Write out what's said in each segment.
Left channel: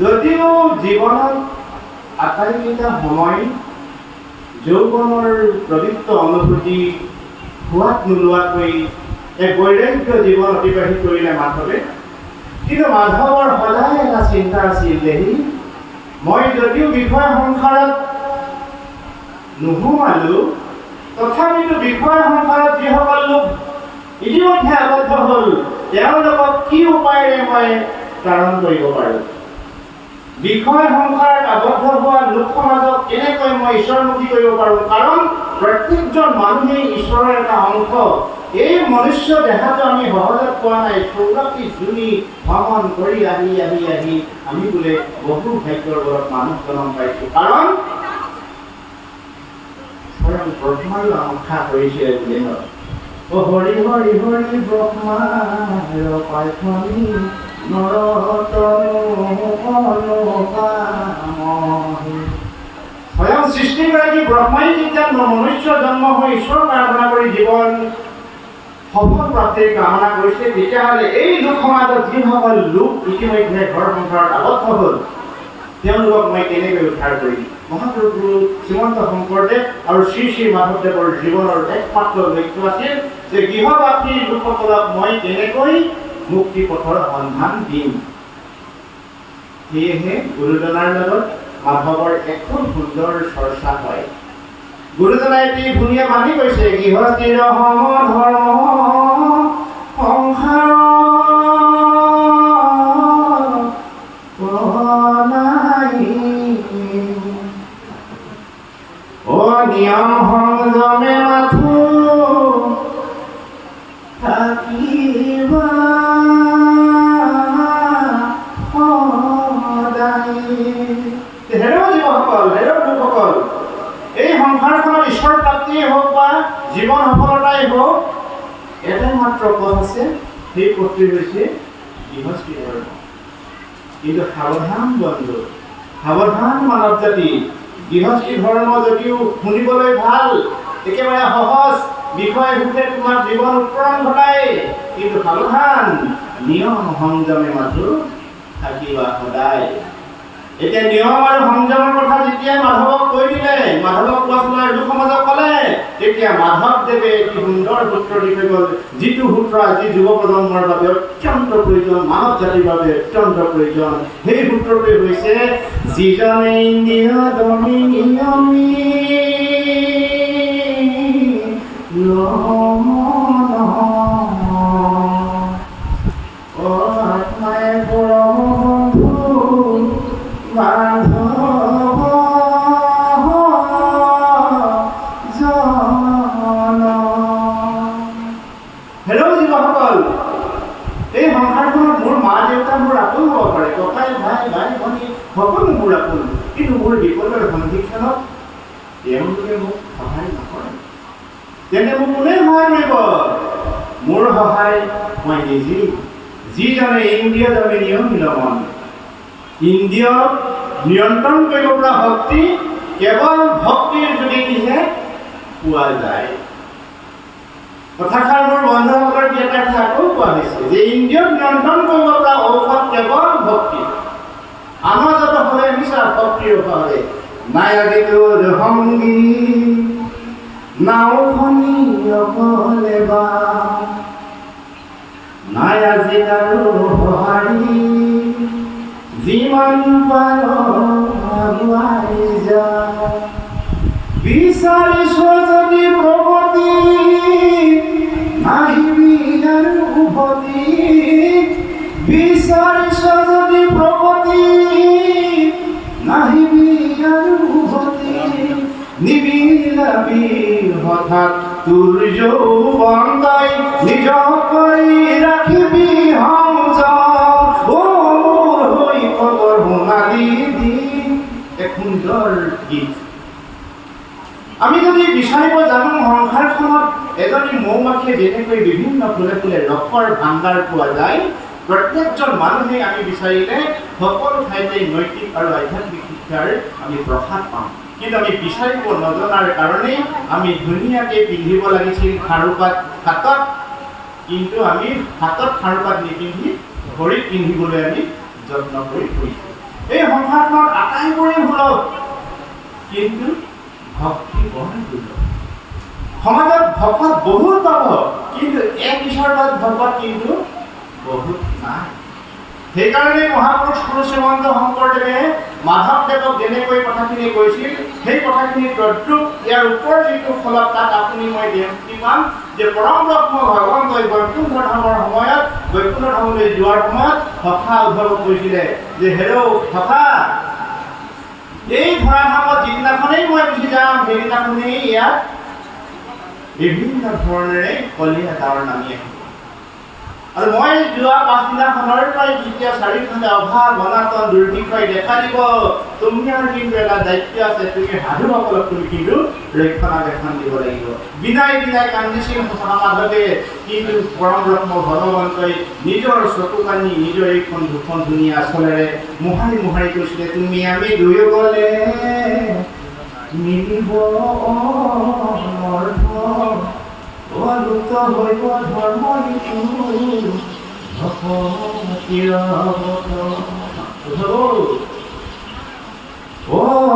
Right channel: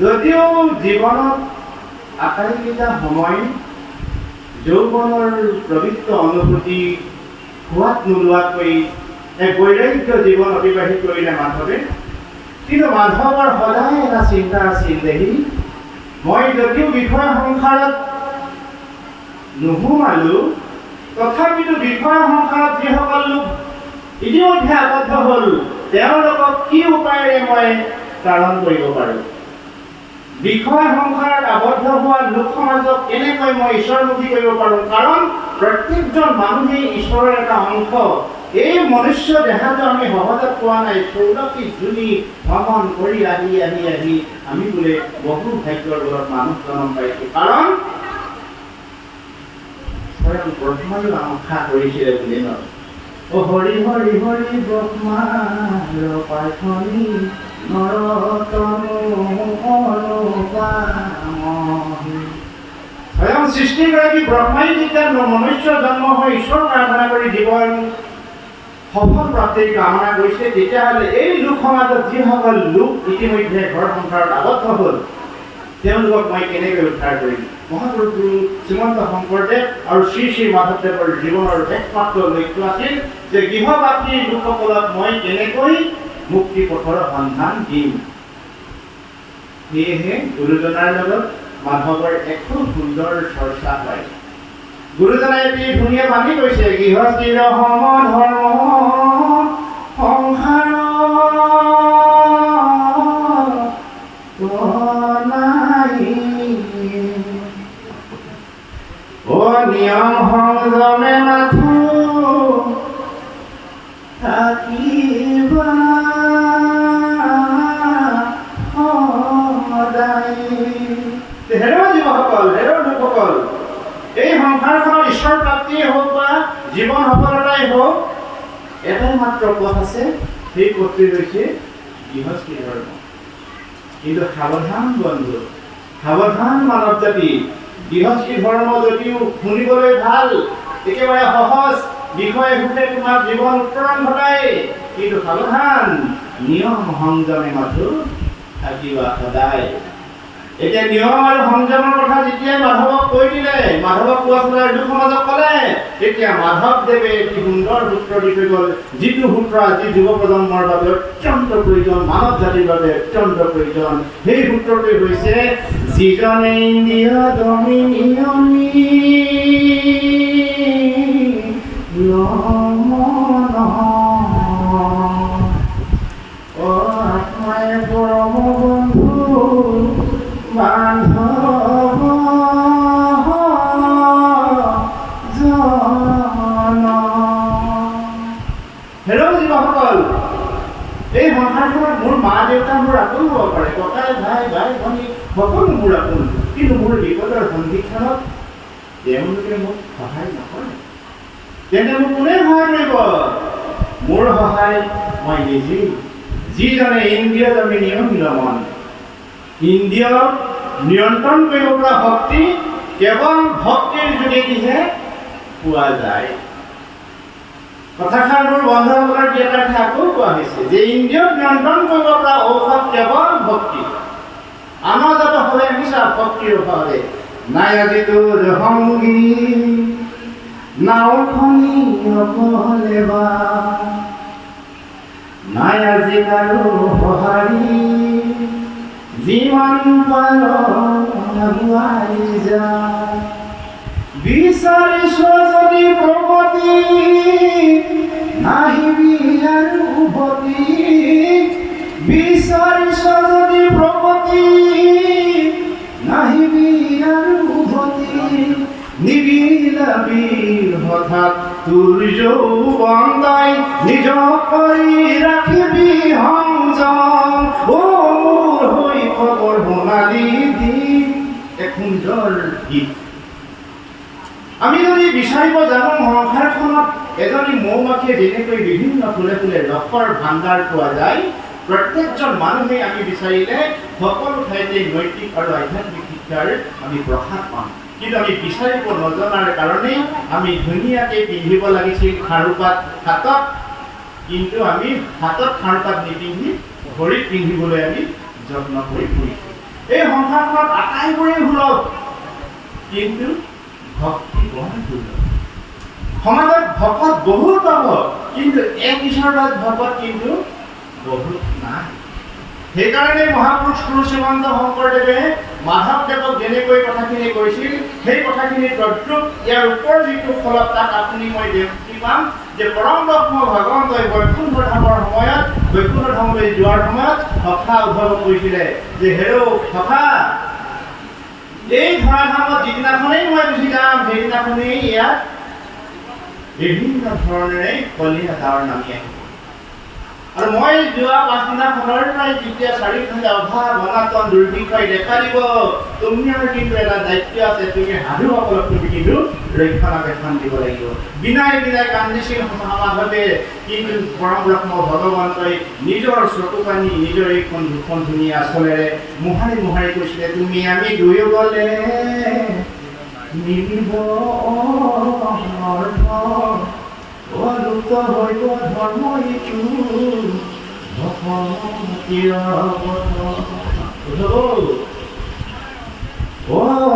যদিও জীৱনত আটাইকেইটা সময় যৌৱনৰ পবিত্ৰ অনুভূতি হোৱাত নোলোৱাকৈ এক বৈৰাগ্য জীৱন অতিবাহিত কৰিলে মাধৱে। কিন্তু মাধৱৰ সদায় এটা চিন্তা আছিল, দেহি মই যদিও বিষয় সংসাৰত নোসোমালো, তথাপিতো বিষয় সংসাৰত যিসকল লোক ইতিমধ্যে আবদ্ধ হ'ল, তেওঁলোকক কি উপায়েৰে মই তাৰণ কৰিব পাৰোঁ? বিষয় সংসাৰত আবদ্ধ হোৱা লোক সমাজক কেনেকৈ মই ঈশ্বৰমুখী কৰিব পাৰোঁ? কাৰণ প্ৰত্যেকজন মানুহেই ঈশ্বৰৰ এটা অংশ। এই মনুষ্য দেহাটো আমি সহজত পোৱা নাই। 14টি যোনি ভ্ৰমণ কৰি আহি আমি বোলে বহু ভাগ্যৰ বলত মানুহ জন্ম পাইছোঁ। কাৰণ স্বয়ং ব্ৰহ্মাই আশা কৰিছিলে বোলে ন, অ হৰি হৰি হৰি ব্ৰহ্মাৰ প্ৰাৰ্থনী স্বয়ং সৃষ্টিগৰাকী ব্ৰহ্মাই যেতিয়া মনুষ্য জন্ম হৈ ঈশ্বৰ প্ৰাৰ্থনা কৰি জীৱন সফল প্ৰাপ্তিৰ কামনা কৰিছে, তেতিয়াহ'লে এই লোক সমাজত যিসকল লোক ইতিমধ্যে ঘৰ সংসাৰত আবদ্ধ হ'ল, তেওঁলোকক মই কেনেকৈ উদ্ধাৰ কৰিম? মহাপুৰুষ গুৰু শ্ৰীমন্ত শংকৰদেৱ আৰু শ্ৰী শ্ৰী মাধৱদেৱৰ জীৱনৰ একমাত্ৰ লক্ষ্য আছিল যে গৃহবাসী লোকসকলক মই কেনেকৈ মুক্তি পথৰ সন্ধান দিম। সেয়েহে গুৰুজনাৰ লগত মাধৱৰ এক খুব সুন্দৰ চৰ্চা হয়। গুৰুজনাই এটি ধুনীয়া বাণী কৈছে, গৃহস্থিৰ সম ধৰ্ম সংসাৰ নিয়ম সংযমে মাথো থাকিবা লোকসকল, এই সংসাৰখনত ঈশ্বৰ প্ৰাপ্তিয়ে হওক বা জীৱন সফলতাই হওক, এটাই মাত্ৰ পথ আছে, সেই পথটি হৈছে গৃহস্থী ধৰ্ম। কিন্তু সাৱধান বন্ধু, সাৱধান মানৱ জাতি, গৃহস্থী ধৰ্ম যদিও শুনিবলৈ ভাল, একেবাৰে সহজ বিষয় ৰূপে তোমাৰ জীৱন উত্তৰণ ঘটায়, কিন্তু সাৱধান, নিয়ম সংযমে মাথো থাকিবা সদায়। এতিয়া নিয়ম আৰু সংযমৰ কথা যেতিয়া মাধৱক কৈ দিলে, মাধৱক কোৱা লোক সমাজক ক'লে, তেতিয়া মাধৱদেৱে এটি সুন্দৰ সূত্ৰ দি থৈ গ'ল, যিটো সূত্ৰ আজি যুৱ প্ৰজন্মৰ বাবে অত্যন্ত প্ৰয়োজন, মানৱ জাতিৰ বাবে অত্যন্ত প্ৰয়োজন। সেই সূত্ৰটো হৈছে, যিজনে ইন্দ্ৰিয় দমি নিয়মি আত্মায়ে পৰম বন্ধু মাধৱ জন। হেল্ল' যুৱকসকল, এই সংসাৰখনত মোৰ মা দেউতা মোৰ আপোন হ'ব পাৰে, ককাই ভাই ভনী সকলো মোৰ আপোন, কিন্তু মোৰ বিপদৰ সন্ধিক্ষণত তেওঁলোকে মোক সহায় নকৰে। তেন্তে মোক কোনে সহায় কৰিব? মোৰ সহায় মই নিজেই। যিজনে ইন্দ্ৰিয় দমি নিয়মিল মন, ইন্দ্ৰিয়ক নিয়ন্ত্ৰণ কৰিব পৰা শক্তি কেৱল ভক্তিৰ যোগেদিহে পোৱা যায়। কথাষাৰ মোৰ বন্ধুসকলৰ বিয়াতে আকৌ কোৱা হৈছে যে ইন্দ্ৰিয়ক নিয়ন্ত্ৰণ কৰিব পৰা ঔষধ কেৱল ভক্তি। আমাৰ যত হ'লে মিছা ভক্তিৰ অভাৱে নাই আজি তোৰ সংগী নাওখনি অকলে বা, নাই আজি কাৰো সঁহাৰি যিমান পাৰ আগুৱাই যা। বিচাৰিছ যদি প্ৰগতি নাহিবি আৰু উভতি, বিচাৰিছ যদি প্ৰগতি নাহিবি আৰু উভতি, নিবিলাবি হঠাৎ তোৰ যৌৱন তই নিজক কৰি ৰাখিবি সংযম। মোৰ হৈ খবৰ সোণালী দিন, এক সুন্দৰ গীত। আমি যদি বিচাৰিব জানো সংসাৰখনত এজনী মৌ-মাখিয়ে যেনেকৈ বিভিন্ন ফুলে ফুলে ৰসৰ ভাণ্ডাৰ পোৱা যায়, প্ৰত্যেকজন মানুহে আমি বিচাৰিলে সকলো ঠাইতে নৈতিক আৰু আধ্যাত্মিক শিক্ষাৰ আমি প্ৰসাদ পাম। কিন্তু আমি বিচাৰিব নজনাৰ কাৰণেই আমি ধুনীয়াকৈ পিন্ধিব লাগিছিল খাৰুপাত হাতত, কিন্তু আমি হাতত খাৰুপাত নিপিন্ধি ভৰিত পিন্ধিবলৈ আমি যত্ন কৰি ফুৰিছোঁ। এই সংসাৰখনত আটাইবোৰেই সুলভ, কিন্তু ভক্তি বৰ দুৰ্লভ। সমাজত ভকত বহুত পাব, কিন্তু এক ঈশ্বৰৰ ভকত কিন্তু বহুত নাই। সেইকাৰণে মহাপুৰুষ গুৰু শ্ৰীমন্ত শংকৰদেৱে মাধৱদেৱক যেনেকৈ কথাখিনি কৈছিল, সেই কথাখিনি তদ্ৰুপ ইয়াৰ ওপৰ যিটো ফলক তাত আপুনি মই দেখি পাম যে পৰম ব্ৰহ্ম ভগৱন্তই বৈকুণ্ঠ ধামৰ সময়ত, বৈকুণ্ঠ ধামলৈ যোৱাৰ সময়ত সখা উদ্ধৱক কৈছিলে যে হেৰৌ সখা, এই ধৰাধামত যিদিনাখনেই মই গুচি যাম, সেইদিনাখনেই ইয়াত বিভিন্ন ধৰণেৰে কলীয়া ডাৱৰ নামি আহিব। আৰু মই যোৱা পাছদিনাখনৰ পৰাই যেতিয়া চাৰিওফালে অভাৱ অনাটন দুৰ্ভিক্ষই দেখা দিব, তোমাৰ কিন্তু এটা দায়িত্ব আছে, তুমি সাধুসকলক তুমি কিন্তু ৰক্ষণাবেক্ষণ দিব লাগিব। বিনাই বিনাই কান্দিছিল মাধৱে, কিন্তু পৰম ব্ৰহ্ম ভগৱন্তই নিজৰ চকু পানী নিজৰ এইখন দুখন ধুনীয়া আচলেৰে মোহাৰি মোহাৰি কৈছিলে, তুমি আমি দুয়ো গ'লে মিলিব অলুপ্ত হইব ধৰ্ম ইটো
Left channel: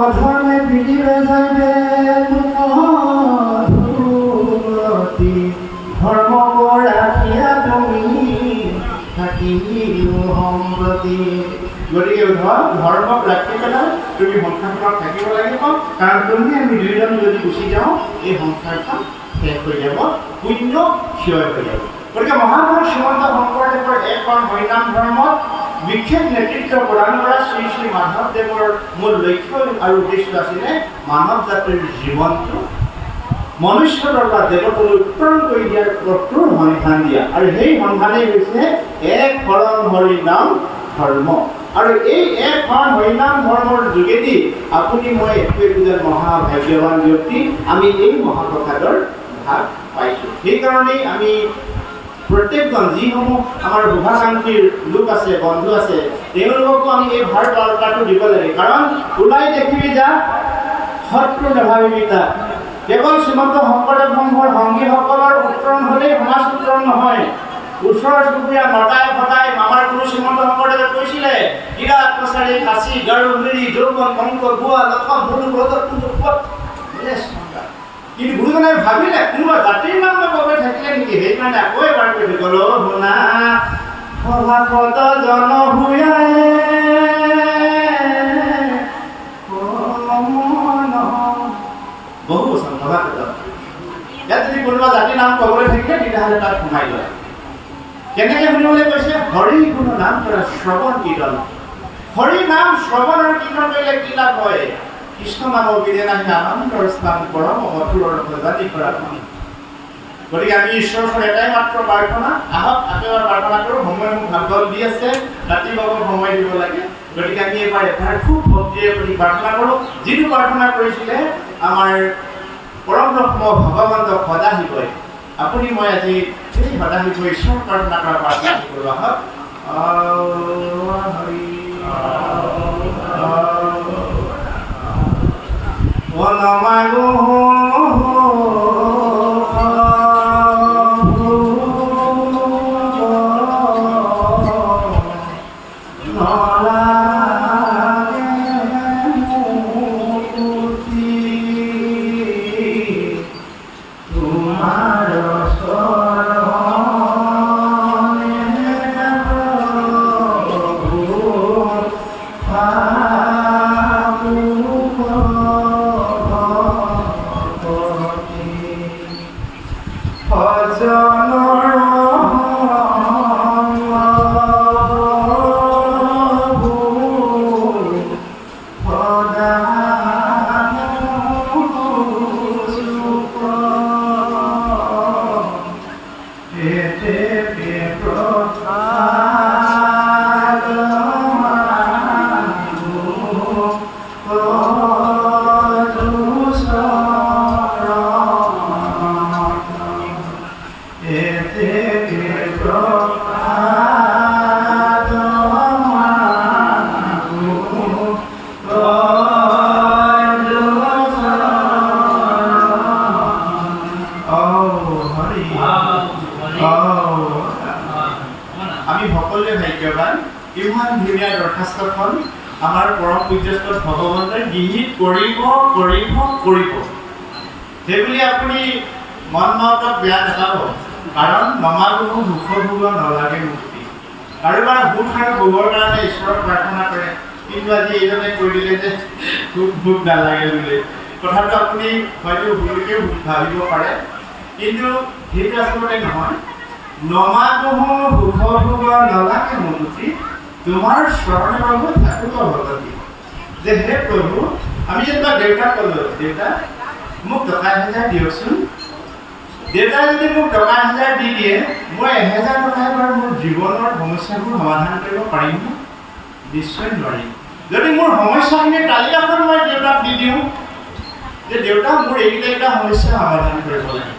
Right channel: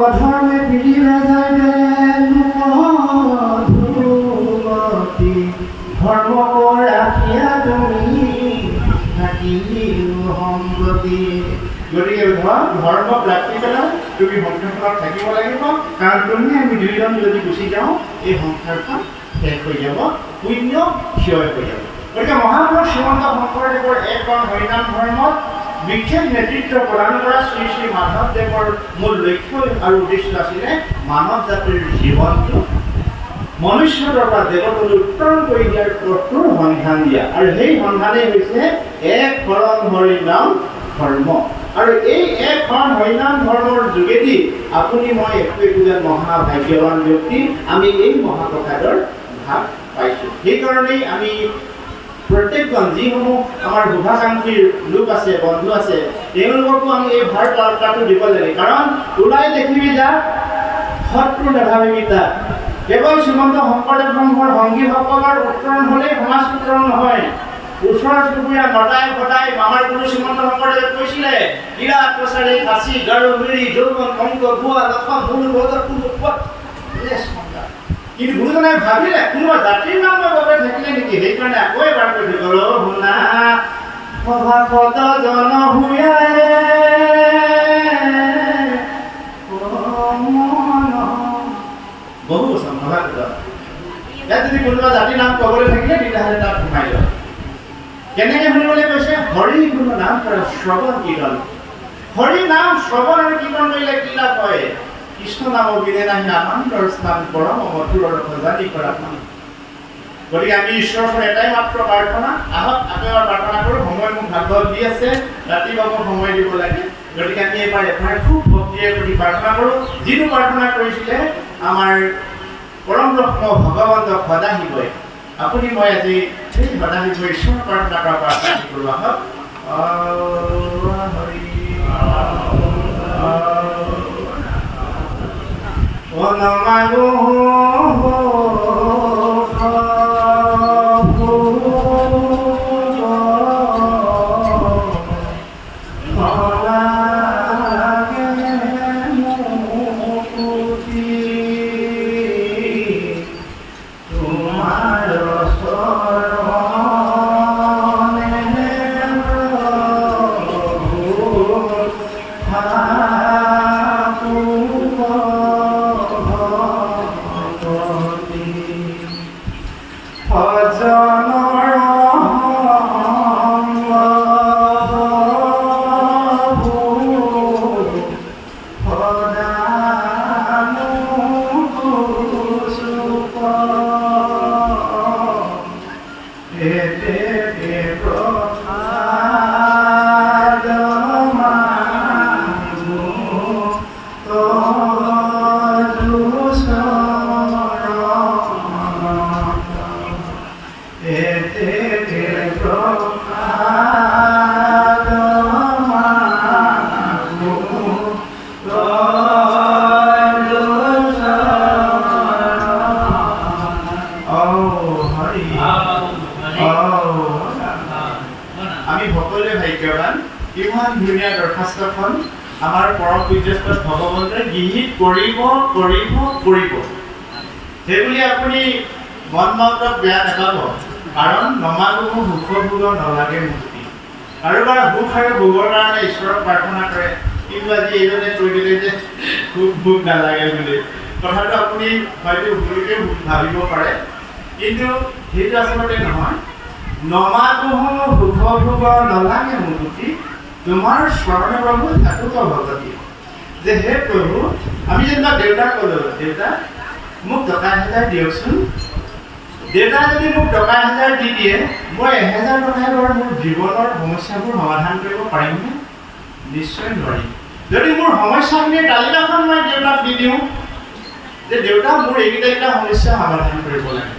অধৰ্মে পিৰিলে যাবে ধৰ্ম ৰাখিয়া তুমি থাকিও সম্প্ৰতি। গতিকে ধৰ্মক ৰাখি পেলাই তুমি সংসাৰখনত থাকিব লাগিব, কাৰণ তুমি আমি দুয়োজন যদি গুচি যাওঁ এই সংসাৰখন শেষ হৈ যাব, শূন্য ক্ষয় হৈ যাব। গতিকে মহাপুৰুষ শ্ৰীমন্ত শংকৰদেৱৰ এখন হৰিনাম ধৰ্মত বিশেষ নেতৃত্ব প্ৰদান কৰা শ্ৰী শ্ৰী মাধৱদেৱৰ মূল লক্ষ্য আৰু উদ্দেশ্য আছিলে মানৱ জাতিৰ জীৱনটো মনুষ্যৰ পৰা দেৱতালৈ উত্তৰণ কৰি দিয়াৰ পথটোৰ সন্ধান দিয়া, আৰু সেই সন্ধানেই হৈছে এক শৰণ হৰিনাম ধৰ্ম। আৰু এই এক শৰণ হৰিনাম ধৰ্মৰ যোগেদি আপুনি মই একোজন মহাভাগ্যৱান ব্যক্তি, আমি এই মহাপ্ৰসাদৰ ভাগ পাইছোঁ। সেইকাৰণেই আমি প্ৰত্যেকজন যিসমূহ আমাৰ শুভাকাংক্ষীৰ লোক আছে, বন্ধু আছে, তেওঁলোককো আমি এই ভাৰ বাৰ্তাটো দিব লাগে। কাৰণ ওলাই দেখিবি যা শত্ৰু নাভাবিবি তাক। কেৱল শ্ৰীমন্ত শংকৰদেৱ সংঘৰ সংগীসকলৰ উত্তৰণ হ'লেই সমাজ উত্তৰণ নহয়। ওচৰ চুবুৰীয়া নদাই ভদাই মামাৰ গুৰু শ্ৰীমন্ত শংকৰদেৱে কৈছিলে, কিৰাত কছাৰী খাচী গাৰো মিৰি যৌৱন কংক গোৱা লক্ষণ ধনু ৰজত কিন্তু গুৰুজনে ভাবিলে কোনোবা জাতিৰ নাম বাবে থাকিলে নেকি, সেইকাৰণে আকৌ এবাৰ কৈ গ'ল শুনা সভাপত জন বহু বচন সভাপত। ইয়াত যদি কোনোবা জাতিৰ নাম ক'বলৈ থাকিলে তেতিয়াহ'লে তাত সোমাই লয়। কেনেকৈ শুনিবলৈ কৈছে? হৰি গুণ নাম শ্ৰৱণ কীৰ্তন। হৰি নাম শ্ৰৱণ আৰু কীৰ্তন কৰিলে কি লাভ হয়? কৃষ্ণ নাম বিনে নাহি আনন্দৰ স্থান পৰম মধুৰৰ ভজানি কৰা শুনি। গতিকে আমি ঈশ্বৰৰ ওচৰত এটাই মাত্ৰ প্ৰাৰ্থনা, আহক একেবাৰে প্ৰাৰ্থনা কৰোঁ। সময় মোক ভাগৱত দি আছে, ৰাতিপুৱা মোক সময় দিব লাগে। গতিকে আমি এবাৰ খুব ভক্তিৰে প্ৰতি প্ৰাৰ্থনা কৰোঁ, যিটো প্ৰাৰ্থনা কৰিছিলে আমাৰ পৰম ব্ৰহ্ম ভগৱন্ত সদাশিৱই। আপুনি মই আজি সেই সদাশিৱই ঈশ্বৰ প্ৰাৰ্থনা কৰা প্ৰাৰ্থনা কৰোঁ। আহক আমি সকলোৱে ভাগ্যৱান, ইমান ধুনীয়া দৰখাস্তখন আমাৰ পৰম পূজ্যস্ত ভগৱন্তই গৃহীত কৰিব কৰিব কৰিব সেইবুলি আপুনি মন মতত বেয়া নাপাব কাৰণ নমাগুৰু সুখ ভোগ নালাগে মুক্তি কাৰোবাৰ সুখ আৰু ভোগৰ কাৰণে ঈশ্বৰক প্ৰাৰ্থনা কৰে কিন্তু আজি এইজনে কৈ দিলে যে সুখ ভোগ নালাগে বুলি কথাটো আপুনি হয়তো ভুলকে ভাবিব পাৰে কিন্তু সেইটো আচলতে নহয় নমাগুৰু সুখ ভোগ নালাগে মুক্তি তোমাৰ স্মৰণে প্ৰভু থাকুক ভগতি যে হে প্ৰভু আমি যেনিবা দেউতাক ক'লো দেউতা মোক টকা 1000 দিয়কচোন দেউতাই যদি মোক টকা 1000 দি দিয়ে মই 1000 টকাৰে মোৰ জীৱনৰ সমস্যাবোৰ সমাধান কৰিব পাৰিমনে নিশ্চয় নোৱাৰিম যদি মোৰ সমস্যাখিনিৰ তালিকাখন মই দেউতাক দি দিওঁ যে দেউতা মোৰ এইকেইটা সমস্যা সমাধান কৰিব লাগে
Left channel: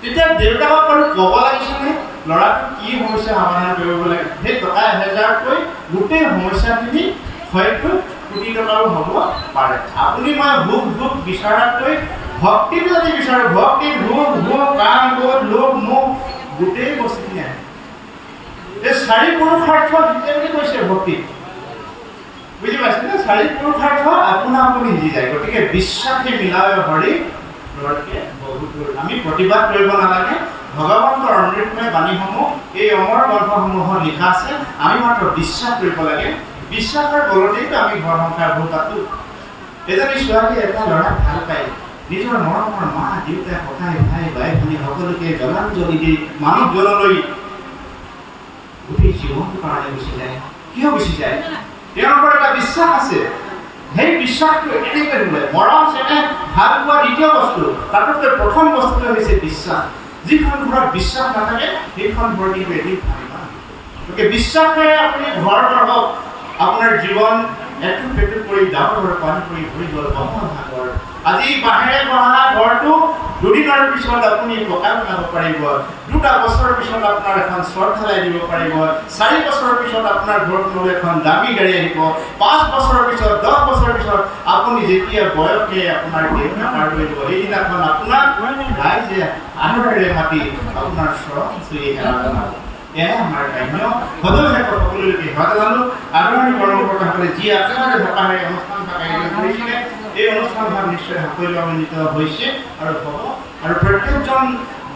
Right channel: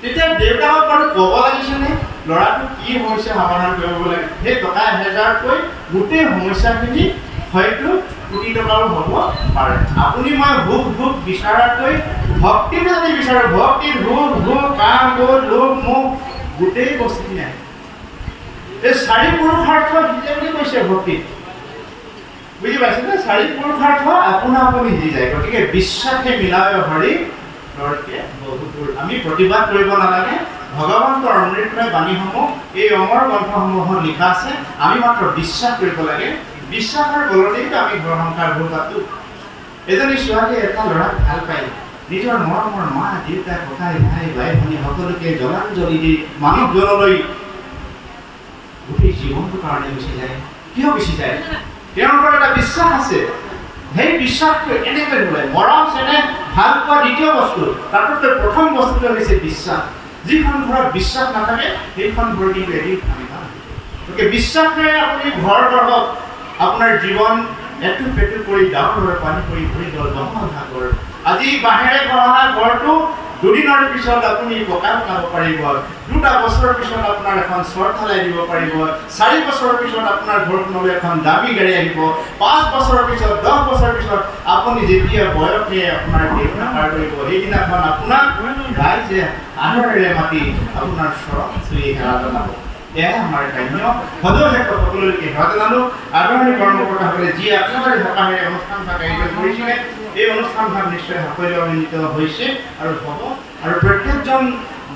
তেতিয়া দেউতাকক বাৰু ক'ব লাগিছেনে ল'ৰাটো কি সমস্যা সমাধান কৰিব লাগে সেই টকা 1000 কৈ গোটেই সমস্যাখিনি হয়তো কোটি টকাৰো হ'ব পাৰে আপুনি মই ভোগ ভোগ বিচাৰাকৈ ভক্তিটো যদি বিচাৰোঁ ভক্তি ভোগ ভোগ কাম ক্ৰোধ লোভ মোহ গোটেই বস্তুখিনি আহে এই 4 পুৰুষাৰ্থ দিছে বুলি কৈছে ভক্তিত বুজি পাইছেনে 4 পুৰুষাৰ্থ আপোনা আপুনি দি যায় গতিকে বিশ্বাসে মিলাৱে হৰি লৰকে বহুপুৰ আমি প্ৰতিবাদ কৰিব নালাগে ভগৱন্তৰ অমৃতময় বাণীসমূহ এই অমৰ গ্ৰন্থসমূহত লিখা আছে আমি মাত্ৰ বিশ্বাস কৰিব লাগে বিশ্বাসৰ বলতেইতো আমি ঘৰ সংসাৰবোৰ পাতো এজনী ছোৱালী এটা ল'ৰাক ভাল পায় নিজৰ মৰমৰ মা দেউতা ককাই ভাই ভাই ভনী সকলোকে জলাঞ্জলি দি মানুহজনলৈ গোটেই জীৱনটোৰ কাৰণে গুচি যায় কিয় গুচি যায় তেওঁলোকৰ এটা বিশ্বাস আছে সেই বিশ্বাসটো এনেকৈ নোলায় মৰম চেনেহ ভাল পোৱা দ্বিতীয় বস্তু তাতকৈ প্ৰথম বস্তুটো হৈছে বিশ্বাস যিখন ঘৰত বিশ্বাস নাথাকে সেইখন ঘৰ কিন্তু এদিন ভাঙিব গতিকে বিশ্বাসেৰে আপুনি ঘৰ গঢ়ক আপোনাৰ জীৱন এটুপ পেটুপ কৰি ডাঙৰ পানী কৰি ভৰি গ'ল মহাসাগৰ আজি বাহিৰে গঢ়া ঘৰটো দুদিনৰ পিছত আপুনি পকা বনাব পাৰিব 2টা বছৰৰ পিছত আপোনাৰ এখন চৰ ঢালাই দিব পাৰিব 4 বছৰৰ পিছত আপোনাৰ ঘৰখনলৈ এখন দামী গাড়ী আহিব 5 বছৰৰ পিছত 10 বছৰৰ পিছত আপুনি যেতিয়া বয়সে আপোনাৰ দেউতাক কৰিব সেইদিনাখন আপোনাক ৰাইজে আদৰেৰে মাতি আপোনাৰ চৰণ চুই সেৱা জনাব এয়াই আমাৰ কাম্য সদৌ শেষত সকলোলৈকে সেৱা জনালো আদৰণি কৰ্মকৰ্তাসকলে যি আপোনাৰে হেঁপাহেৰে অনুষ্ঠানভাগ আয়োজন কৰিছিলে এই অনুষ্ঠানভাগ নিশ্চয় সাফল্যমণ্ডিত হৈছে আৰু হ'ব আৰু প্ৰত্যেকজন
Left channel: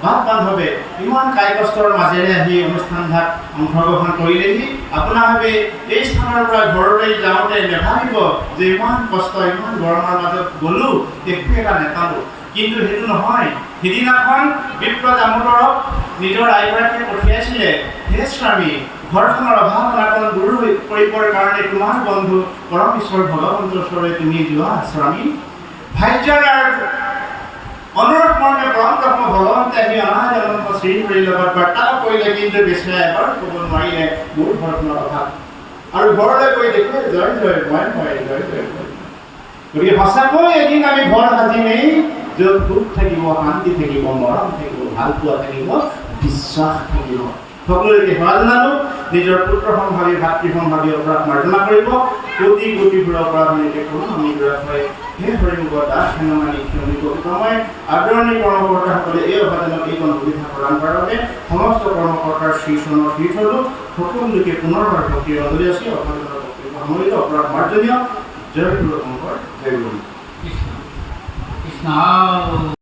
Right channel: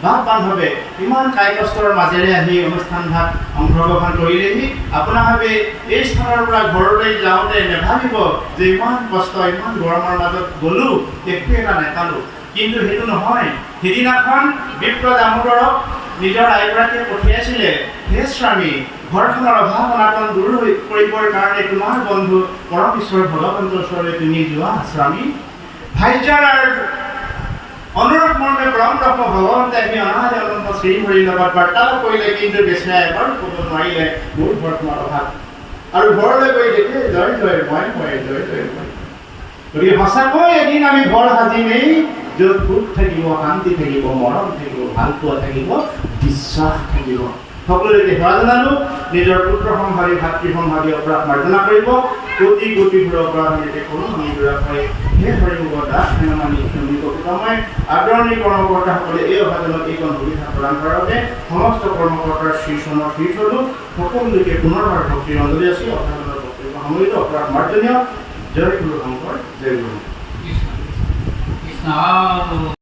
বাপ বান্ধৱে ইমান কায় কষ্টৰ মাজেৰে আহি অনুষ্ঠানভাগ অংশগ্ৰহণ কৰিলেহি আপোনাভাৱে এই স্থানৰ পৰা ঘৰলৈ যাওঁতে নেভাবিব যে ইমান কষ্ট ইমান গৰমৰ মাজত গ'লো একো এটা নেপালোঁ কিন্তু সেইটো নহয় সিদিনাখন বিপ্ৰ দামোদৰক নিজৰ আইগৰাকীয়ে পঠিয়াইছিলে হে স্বামী ঘৰখনৰ অভাৱ অনাটন দূৰ কৰিবৰ কাৰণে তোমাৰ বন্ধু পৰম ঈশ্বৰ ভগৱন্তৰ ওচৰলৈ তুমি যোৱা স্বামী ভাগ্যৰ অনুৰোধ মৰ্মে পৰম ব্ৰহ্ম ভগৱন্তে আহি অনাহতে অনন্ত শ্ৰীহৰিৰ লগত বাৰ্তালাপ কৰিলে কিন্তু বেচেৰাই এবাৰ ক'ব নোৱাৰিলে মোৰ ঘৰখনৰ অভাৱ আৰু ঘৰলৈ গৈ দেখে জয় জয় মই জয় জয় মই গতিকে সঁচাকৈ এদিন আমি ঘৰ সাজিমেই য'ত সুখ থাকিব শান্তি থাকিব মৰম থাকিব ভাল পোৱা থাকিব বিশ্বাস থাকিব সকলোকে সেৱা জনালো নিজৰ পুত্ৰ সম্ভাৱী ভাতৃ সম্ভাৱী অপৰাধ মাৰ্জনা কৰিব কোটি কোটিবোৰ অপৰাধ নিতে কৰোঁ আমি দুৰাকৈ হে হৰিমুখ দাস হেনমানি ক্ষমি কবিতময় আদৰণি কৰ্মকৰ্তাসকলে এই অভাজনক এইকণ সুবিধা প্ৰদান কৰাৰ বাবে সমস্ত কৰ্মকৰ্তাৰ শ্ৰীচৰণৰ শ্ৰীচলো সকলোকে পুনৰবাৰ ভক্তিৰ অঞ্জলি আছে অভাজনৰ বক্তব্য সামৰিত অপৰাধ মাৰ্জনীয় জয় গুৰু শংকৰ জয় গুৰু কৃষ্ণ কৃষ্ণ